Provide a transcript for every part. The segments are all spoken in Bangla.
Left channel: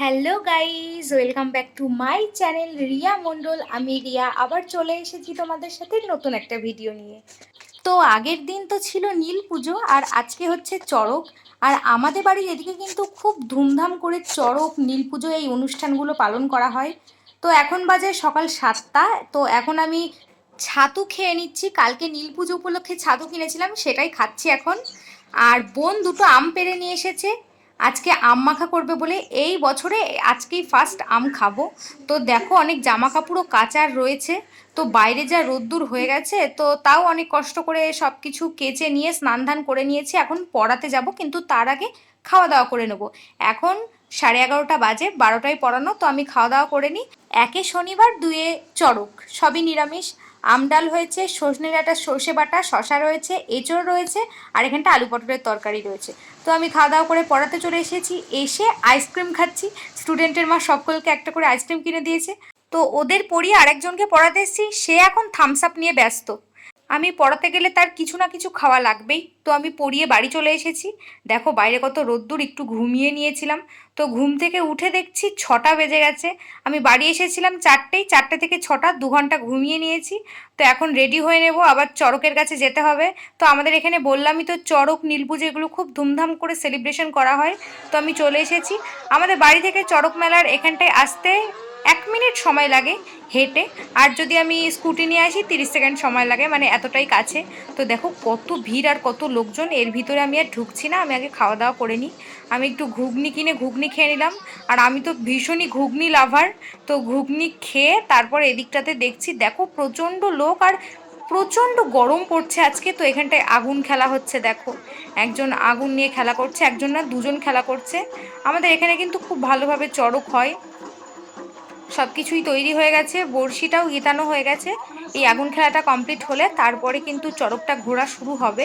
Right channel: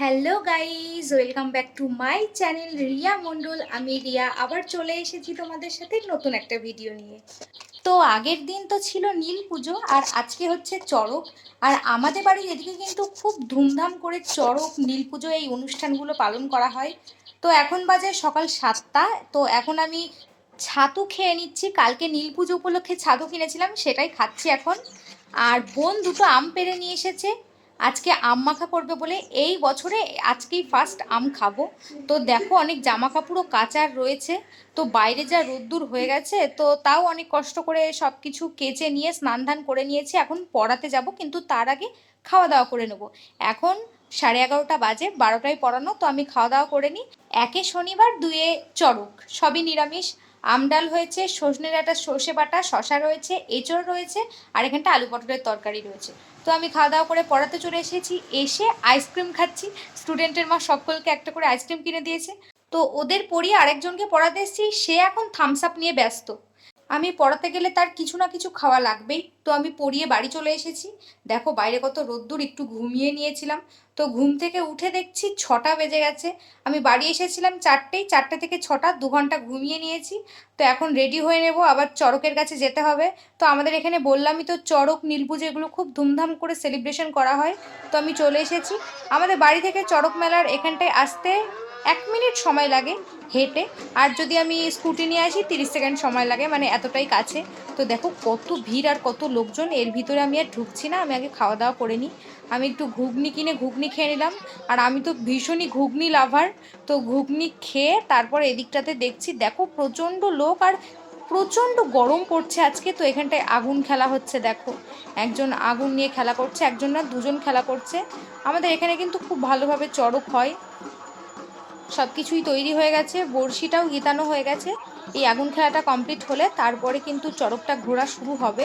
Hello guys, welcome back to my channel Riya Mondal. আমি রিয়া আবার চলে এসেছি তোমাদের সাথে নতুন একটা ভিডিও নিয়ে। তো আগের দিন তো ছিল নীল পুজো আর আজকে হচ্ছে চড়ক। আর আমাদের বাড়ির এদিকে কিন্তু খুব ধুমধাম করে চড়ক, নীল পুজো এই অনুষ্ঠানগুলো পালন করা হয়। তো এখন বাজে সকাল 7টা। তো এখন আমি ছাতু খেয়ে নিচ্ছি। কালকে নীল পুজো উপলক্ষে ছাতু কিনেছিলাম, সেটাই খাচ্ছি এখন। আর বোন দুটো আম পেড়ে নিয়ে এসেছে, আজকে আম মাখা করবে বলে। এই বছরে আজকেই ফার্স্ট আম খাবো। তো দেখো অনেক জামা কাপড়ও কাচার রয়েছে। তো বাইরে যা রোদ্দুর হয়ে গেছে, তো তাও অনেক কষ্ট করে সব কিছু কেচে নিয়ে স্নান ধান করে নিয়েছি। এখন পড়াতে যাব, কিন্তু তার আগে খাওয়া দাওয়া করে নেবো। এখন 11:30 বাজে, 12টায় পড়ানো, তো আমি খাওয়া দাওয়া করে নিই। একে শনিবার, দুয়ে চড়ক, সবই নিরামিষ। আম ডাল হয়েছে, সজনে ডাঁটা, সর্ষে বাটা, শশা রয়েছে, এঁচড় রয়েছে, আর এখানটা আলু পটলের তরকারি রয়েছে। তো আমি খাওয়া দাওয়া করে পড়াতে চলে এসেছি। এসে আইসক্রিম খাচ্ছি। স্টুডেন্টের মা সকলকে একটা করে আইসক্রিম কিনে দিয়েছে। তো ওদের পড়িয়ে আরেকজনকে পড়াতে এসেছি, সে এখন থামস আপ নিয়ে ব্যস্ত। আমি পড়াতে গেলে তার কিছু না কিছু খাওয়া লাগবেই। তো আমি পড়িয়ে বাড়ি চলে এসেছি। দেখো বাইরে কত রোদ্দুর, একটু ঘুমিয়ে নিয়েছিলাম। তো ঘুম থেকে উঠে দেখছি 6টা বেজে গেছে। আমি বাড়ি এসেছিলাম 4টেয়, 4টে থেকে 6টা 2 ঘন্টা ঘুমিয়ে নিয়েছি। তো এখন রেডি হয়ে নেব, আবার চড়কের কাছে যেতে হবে। তো আমাদের এখানে বললামই তো, চড়ক, নীলপুজো এগুলো খুব ধুমধাম করে সেলিব্রেশন করা হয়। তো আমি চলে এসেছি। আমাদের বাড়ি থেকে চড়ক মেলার এখানটায় আসতে 1 মিনিট সময় লাগে হেঁটে। আর যদি আমি স্কুটি নিয়ে আসি 30 সেকেন্ড সময় লাগে, মানে এতটাই কাছে। তো দেখো কত ভিড় আর কত লোকজন। এর ভিতরে আমি আর ঢুকছি না, আমি আগে খাওয়া দাওয়া করে নিই। আমি একটু ঘুগনি কিনে ঘুগনি খেয়ে নিলাম। আর আমি তো ভীষণই ঘুগনি লাভার। তো ঘুগনি খেয়ে তারপর এদিকটাতে দেখছি, দেখো প্রচণ্ড লোক আর প্রচণ্ড গরম পড়ছে আজকে। তো এখানটায় আগুন খেলা হচ্ছে, দেখো একজন আগুন নিয়ে খেলা করছে, একজন না দুজন খেলা করছে। আমাদের এখানে কিন্তু খুব ভালোভাবে চড়ক হয়। সব কিছুই তৈরি হয়ে গেছে, বড়শিটাও গিতানো হয়ে গেছে। এই আগুন খেলাটা কমপ্লিট হলে তারপরে কিন্তু চড়কটা ঘোরা শুরু হবে।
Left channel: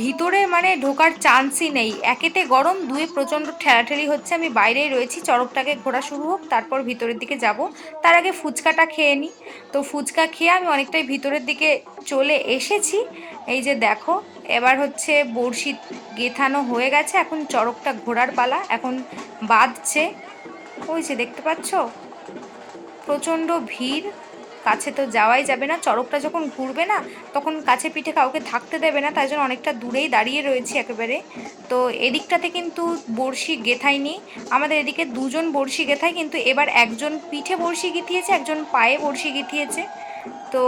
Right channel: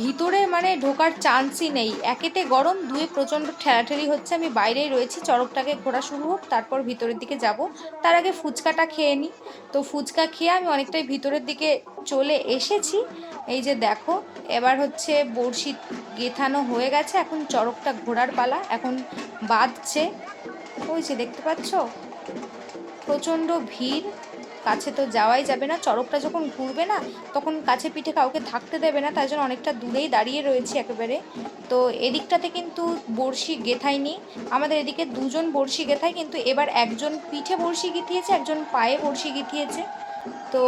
ভিতরে মানে ঢোকার চান্সই নেই, একেতে গরম, দুয়ে প্রচণ্ড ঠেলাঠেলি হচ্ছে। আমি বাইরেই রয়েছি, চড়কটাকে ঘোরা শুরু হোক তারপর ভিতরের দিকে যাব। তার আগে ফুচকাটা খেয়ে নিই। তো ফুচকা খেয়ে আমি অনেকটাই ভিতরের দিকে চলে এসেছি। এই যে দেখো, এবার হচ্ছে বড়শি গেঁথানো হয়ে গেছে, এখন চড়কটা ঘোরার পালা। এখন বাঁধছে, ওই যে দেখতে পাচ্ছ প্রচণ্ড ভিড়। কাছে তো যাওয়াই যাবে না, চড়কটা যখন ঘুরবে না তখন কাছে পিঠে কাউকে থাকতে দেবে না, তাই জন্য অনেকটা দূরেই দাঁড়িয়ে রয়েছি একেবারে। তো এদিকটাতে কিন্তু বড়শি গেথায়নি, আমাদের এদিকে দুজন বড়শি গেথায়, কিন্তু এবার একজন পিঠে বড়শি গিথিয়েছে, একজন পায়ে বড়শি গিথিয়েছে। তো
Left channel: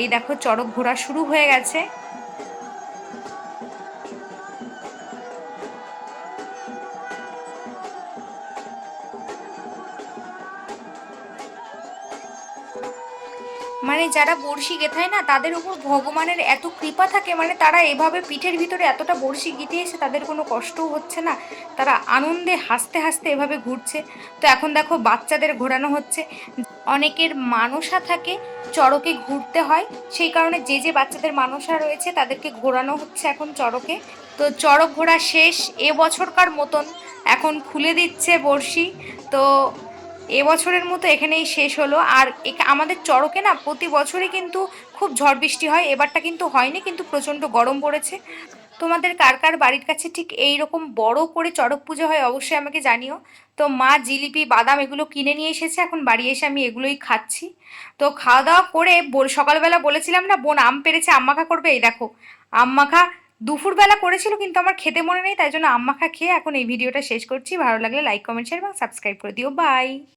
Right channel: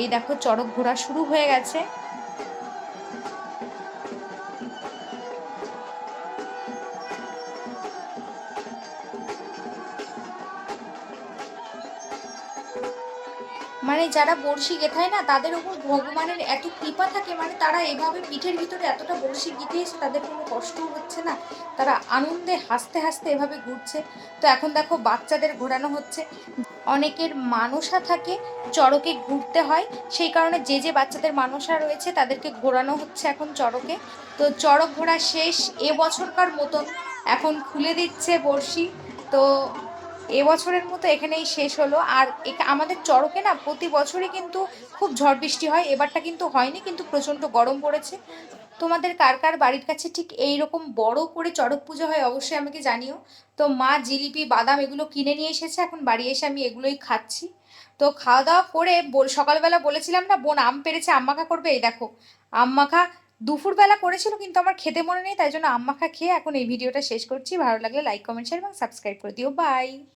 এই দেখো চড়ক ঘোরা শুরু হয়ে গেছে। মানে যারা বড়শি গেথায় না, তাদের উপর ভগবানের এত কৃপা থাকে, মানে তারা এভাবে পিঠের ভিতরে এতটা বড়শি গিঁথিয়েছে, তাদের কোনো কষ্টও হচ্ছে না। তারা আনন্দে হাসতে হাসতে এভাবে ঘুরছে। তো এখন দেখো বাচ্চাদের ঘোরানো হচ্ছে। অনেকের মানসা থাকে, চড়কে ঘুরতে হয়, সেই কারণে যে যে বাচ্চাদের মানসা রয়েছে তাদেরকে ঘোরানো হচ্ছে এখন চড়কে। তো চড়ক ঘোরা শেষ এবছরকার মতন, এখন খুলে দিচ্ছে বড়শি। তো এবছরের মতো এখানেই শেষ হলো। আর আমাদের চড়কে না প্রতি বছরই কিন্তু খুব ঝড় বৃষ্টি হয়, এবারটা কিন্তু হয়নি, কিন্তু প্রচণ্ড গরম পড়েছে। তোমাদের কার কার বাড়ির কাছে ঠিক এই রকম বড় করে চড়ক পুজো হয় অবশ্যই আমাকে জানিও। তো মা জিলিপি, বাদাম এগুলো কিনে নিয়ে এসেছে, এখন বাড়ি এসে আমি এগুলোই খাচ্ছি। তো খাওয়া দাওয়া করে সকালবেলা বলেছিলাম না বোন আম পেড়েছে, আম মাখা করবে, এই দেখো আম মাখা দুপুরবেলা করেছিল, কিন্তু আমার খেতে মনে নেই, তাই জন্য আম মাখা খেয়ে এখন এই ভিডিওটা শেষ করছি। ভালো লাগলে লাইক, কমেন্ট, শেয়ার এবং সাবস্ক্রাইব করে দিও। বাই।